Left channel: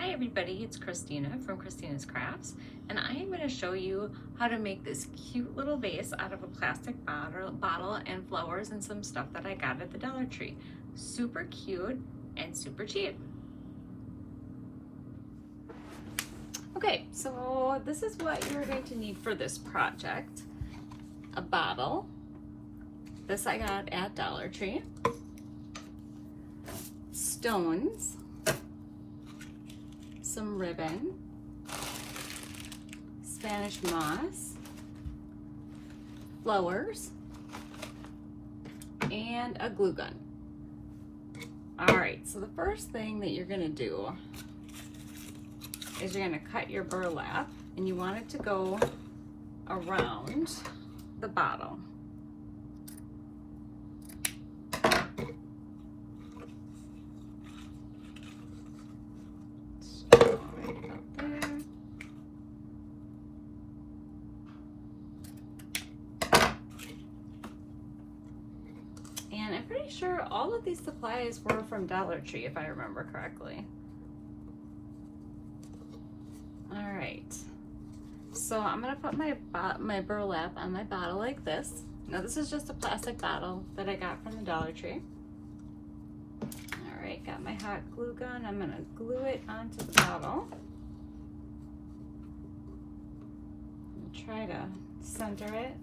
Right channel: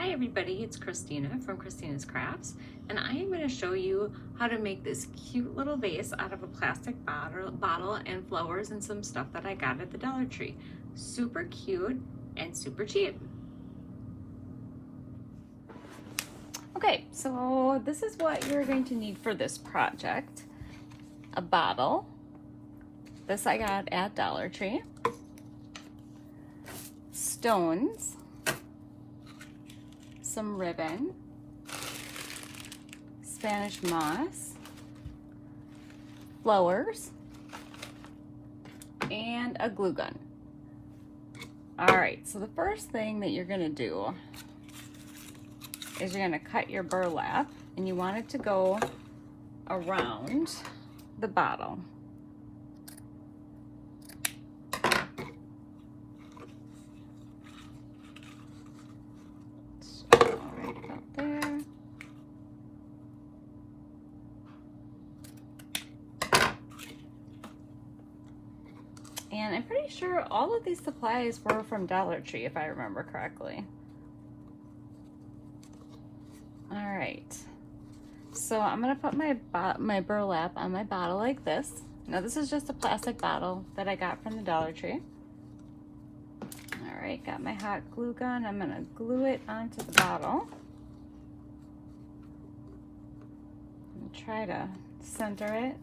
Hi everybody, it's Christina from Christina's Crafts, and I am going to show you how to make this cute little vase out of a plastic bottle and flowers and some stuff that I got at the Dollar Tree. Super cute and super cheap. Okay, so this is what you're going to need for this project. A bottle. This I got at Dollar Tree. Stones. Some ribbon, Spanish moss, flowers, and a glue gun. All right, so the first thing that you're gonna do is you're gonna cut your burlap, and you want it to go around the bottle. And I'm pretty sure all of these supplies were from Dollar Tree, if I remember correctly. All right, so I'm gonna put my burlap on my bottle like this. Now this is just a plastic bottle that I got from the Dollar Tree. All right, got my hot glue gun. I'm gonna glue it onto the bottle. And try to center it.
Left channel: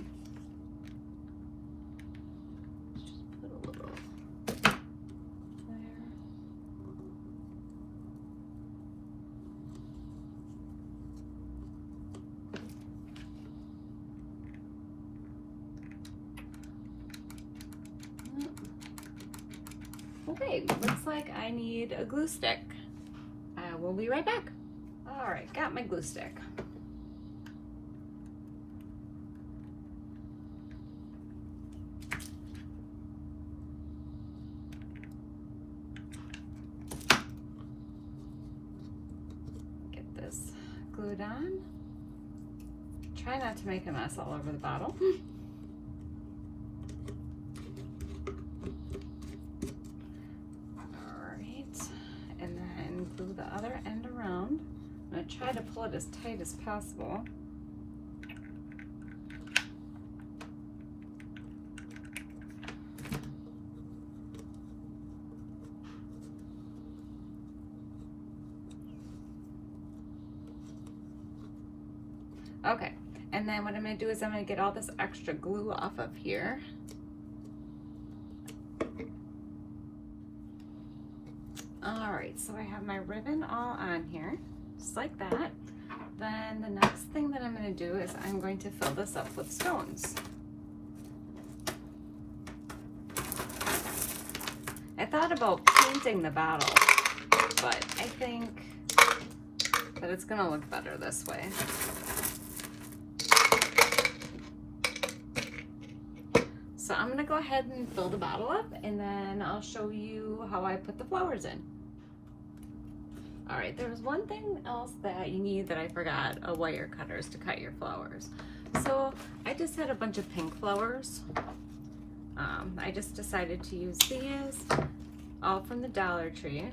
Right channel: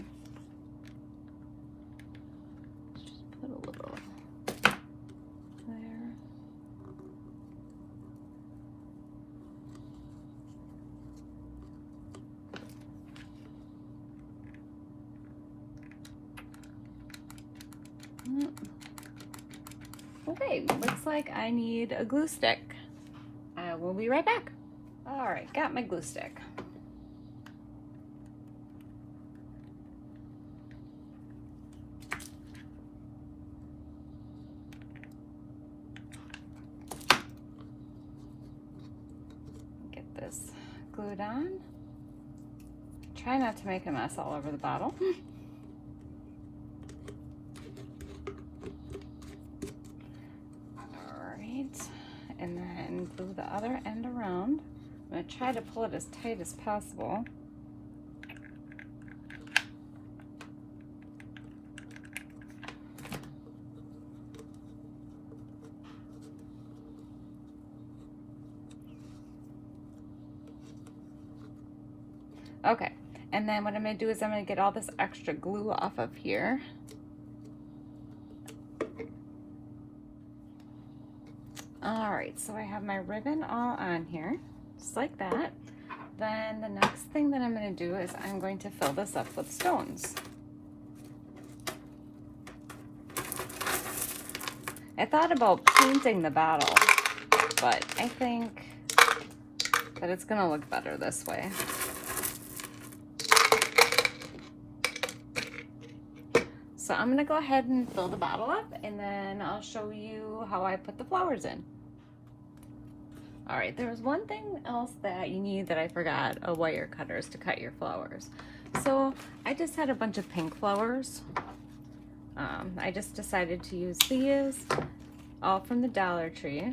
Okay, looks like I need a glue stick. We'll be right back. All right, got my glue stick. Get this glued on. Try not to make a mess all over the bottle. And then glue the other end around. I'm going to try to pull it as tight as possible. Okay, and then what I'm going to do is I'm going to get all this extra glue off of here. All right, so I have my ribbon all on here, just like that. Then the next thing that I'm going to do is I'm going to fill this up with stones. I thought about painting the bottle, but I think that it's going to look better this way. So I'm going to go ahead and fill the bottle up, and then I'll show you how I put the flowers in. All right, there's one thing else that you need that I forgot, a wire cutters to cut your flowers. So I just had a bunch of pink flowers. I just decided to use these, all from the Dollar Tree.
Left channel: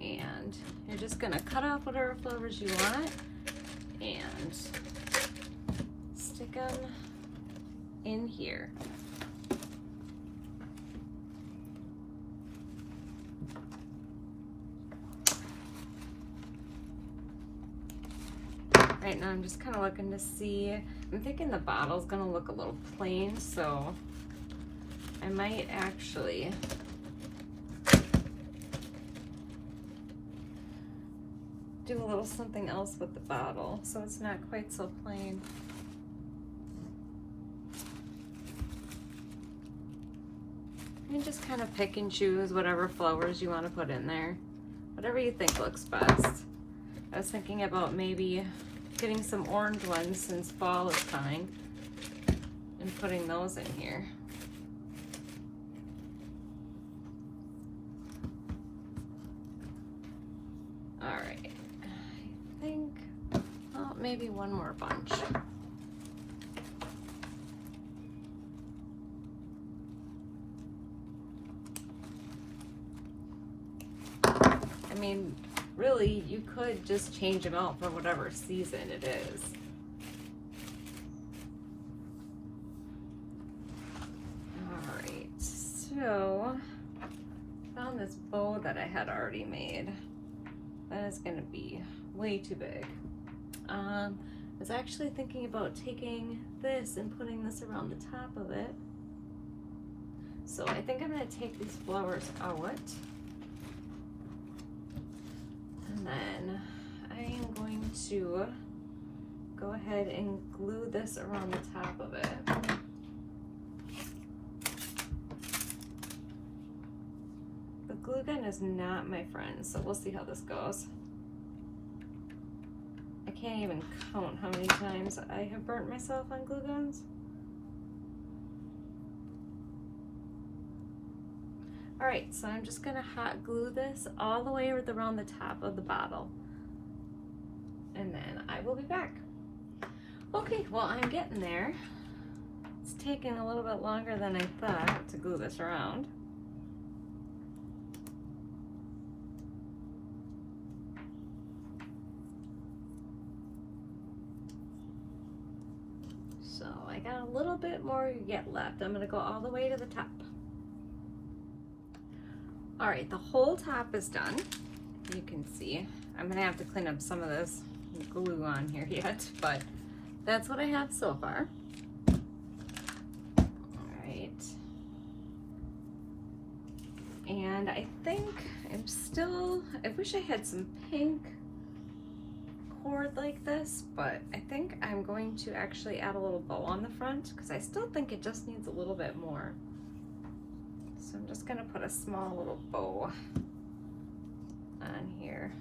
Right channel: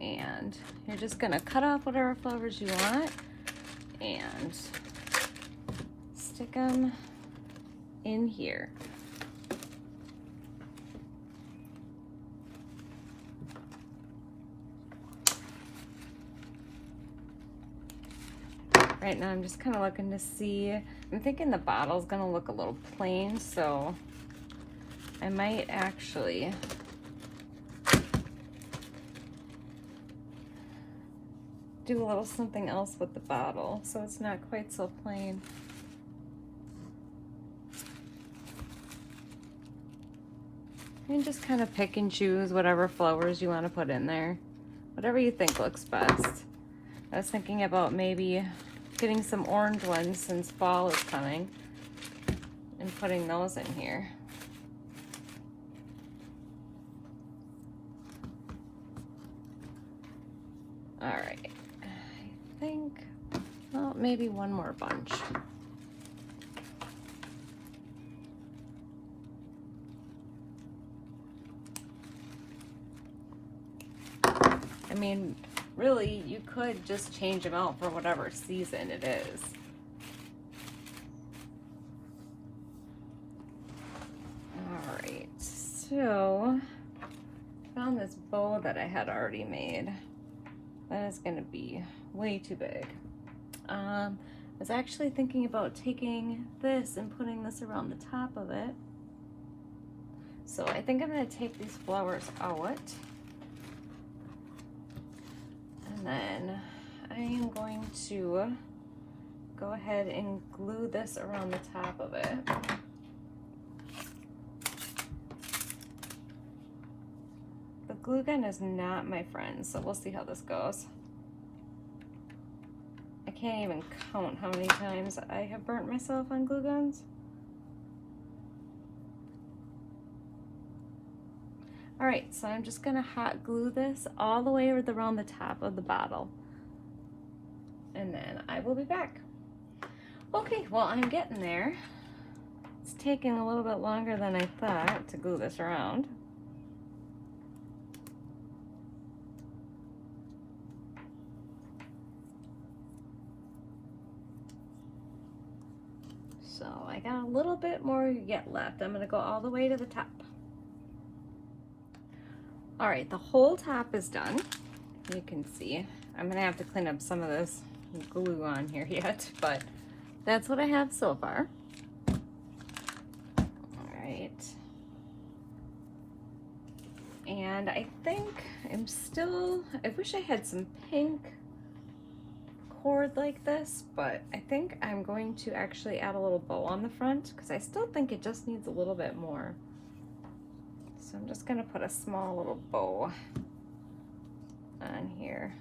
And you're just gonna cut off whatever flowers you want and stick them in here. Right now I'm just kind of looking to see, I'm thinking the bottle's gonna look a little plain, so I might actually do a little something else with the bottle so it's not quite so plain. And just kind of pick and choose whatever flowers you want to put in there, whatever you think looks best. I was thinking about maybe getting some orange ones since fall is coming and putting those in here. All right, I think, well, maybe one more bunch. mean, really, you could just change them out for whatever season it is. All right, so found this bow that I had already made. That is gonna be way too big. I was actually thinking about taking this and putting this around the top of it. So I think I'm gonna take these flowers out. And then I am going to go ahead and glue this around the top of it. The glue gun is not my friend, so we'll see how this goes. I can't even count how many times I have burnt myself on glue guns. All right, so I'm just gonna hot glue this all the way around the top of the bottle. And then I will be back. Okay, well, I'm getting there. It's taking a little bit longer than I thought to glue this around. So I got a little bit more yet left. I'm gonna go all the way to the top. All right, the whole top is done. You can see, I'm gonna have to clean up some of this glue on here yet, but that's what I have so far. All right. And I think I wish I had some pink cord like this, but I think I'm going to actually add a little bow on the front because I still think it just needs a little bit more. So I'm just gonna put a small little bow on here.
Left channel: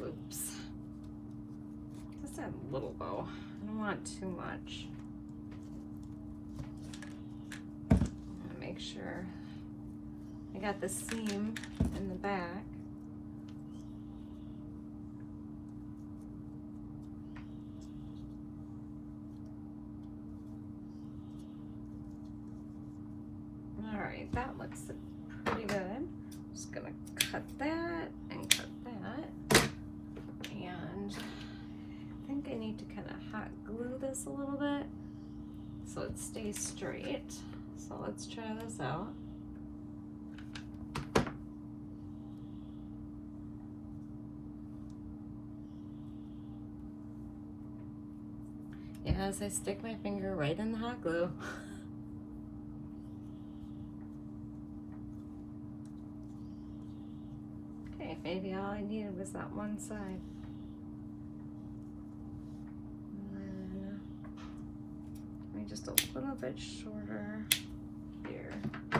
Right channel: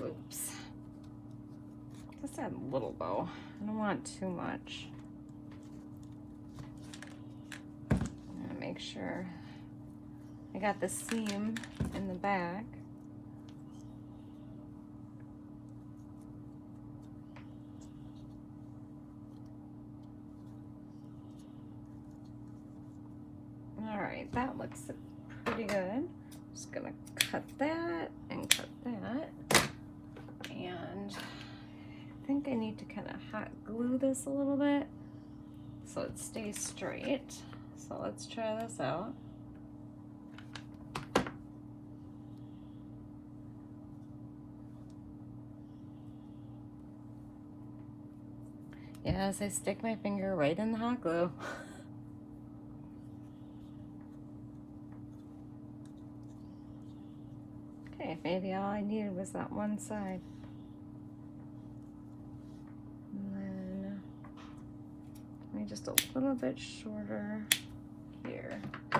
Loops. Just that little bow. I don't want too much. Make sure I got the seam in the back. All right, that looks pretty good. Just gonna cut that and cut that. And I think I need to kind of hot glue this a little bit so it stays straight. So let's try this out. Yes, I stick my finger right in the hot glue. Okay, maybe all I needed was that one side. Just a little bit shorter here. I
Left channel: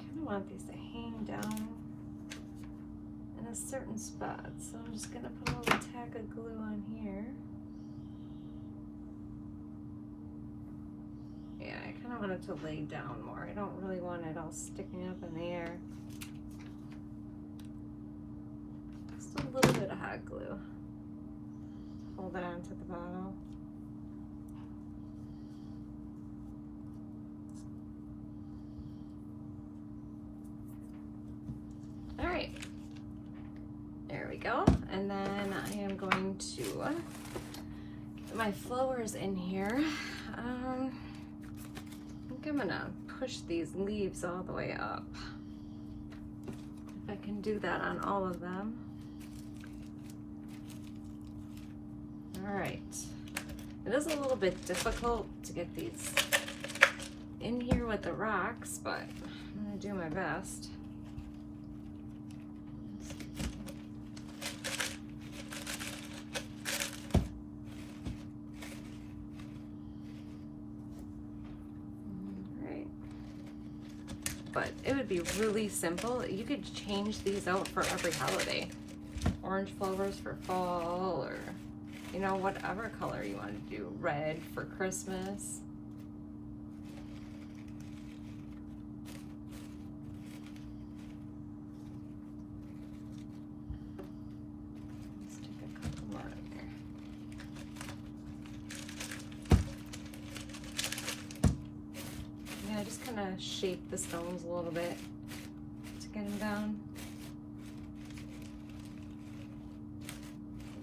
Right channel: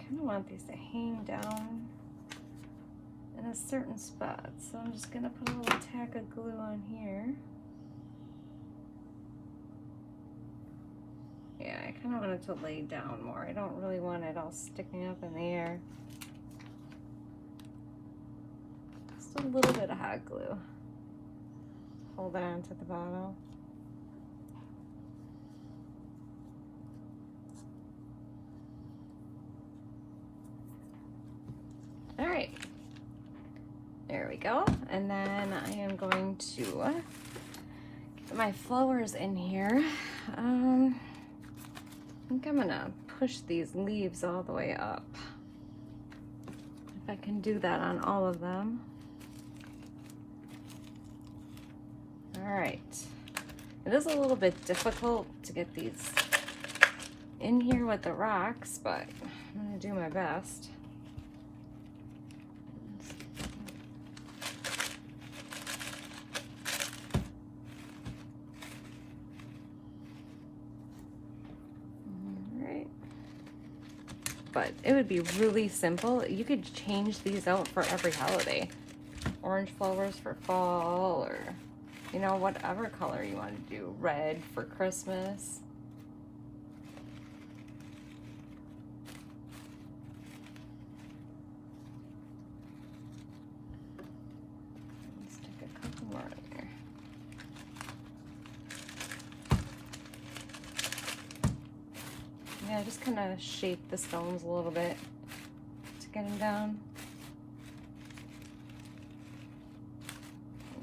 kind of want these to hang down in a certain spot, so I'm just gonna put a little tack of glue on here. Yeah, I kind of want it to lay down more. I don't really want it all sticking up in the air. A little bit of hot glue. Hold it onto the bottle. All right, there we go. And then I am going to get my flowers in here. I think I'm gonna push these leaves all the way up. If I can do that on all of them. All right, it is a little bit difficult to get these in here with the rocks, but I'm gonna do my best. All right, but but it would be really simple. You could change these out for every holiday. Orange flowers for fall, or, you know, whatever color you want to do. Red for Christmas. Let's take a couple more in there. Yeah, just kind of shake the stones a little bit to get them down.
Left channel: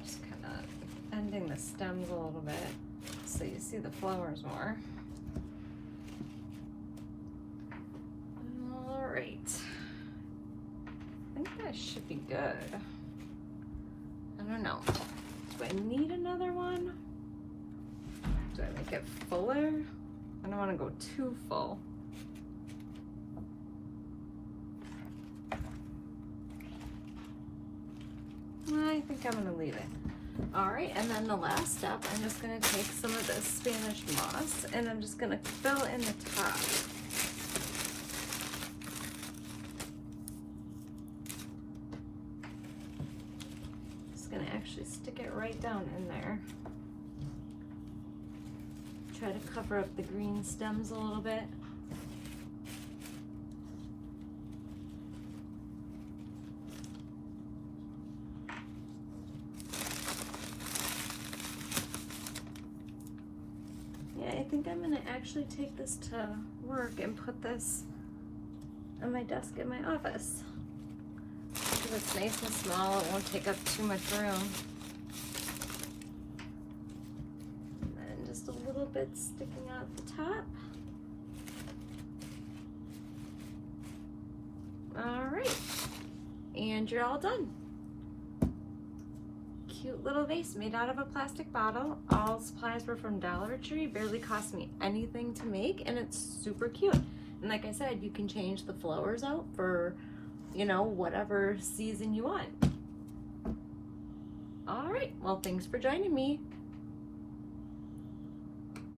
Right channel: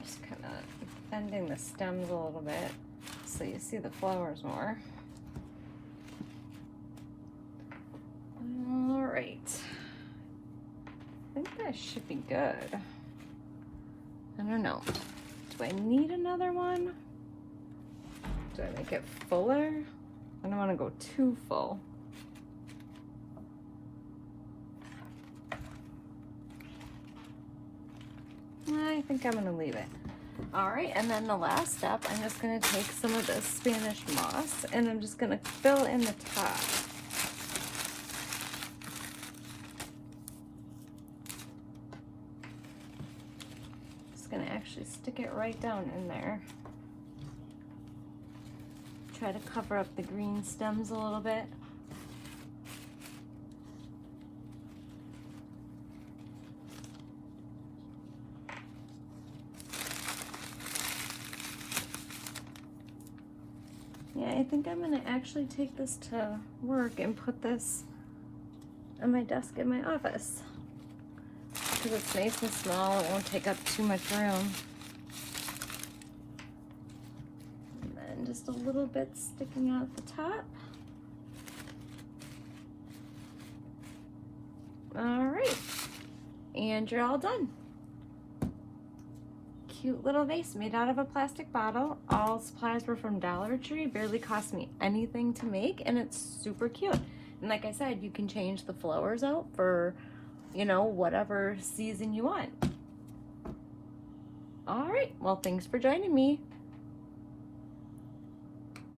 Just kind of bending the stems a little bit so you see the flowers more. All right, I think that should be good. I don't know. Do I need another one? Do I make it fuller? I don't want to go too full. I think I'm going to leave it. All right, and then the last step, I'm just going to take some of this Spanish moss and I'm just going to fill in the top. Just going to actually stick it right down in there. Try to cover up the green stems a little bit. Yeah, I think I'm gonna actually take this to work and put this on my desk in my office. Because it's nice and small, it won't take up too much room. Just a little bit sticking out the top. All right, and you're all done. Cute little vase made out of a plastic bottle. All supplies were from Dollar Tree. Barely cost me anything to make, and it's super cute. And like I said, you can change the flowers out for, you know, whatever season you want. All right, well, thanks for joining me.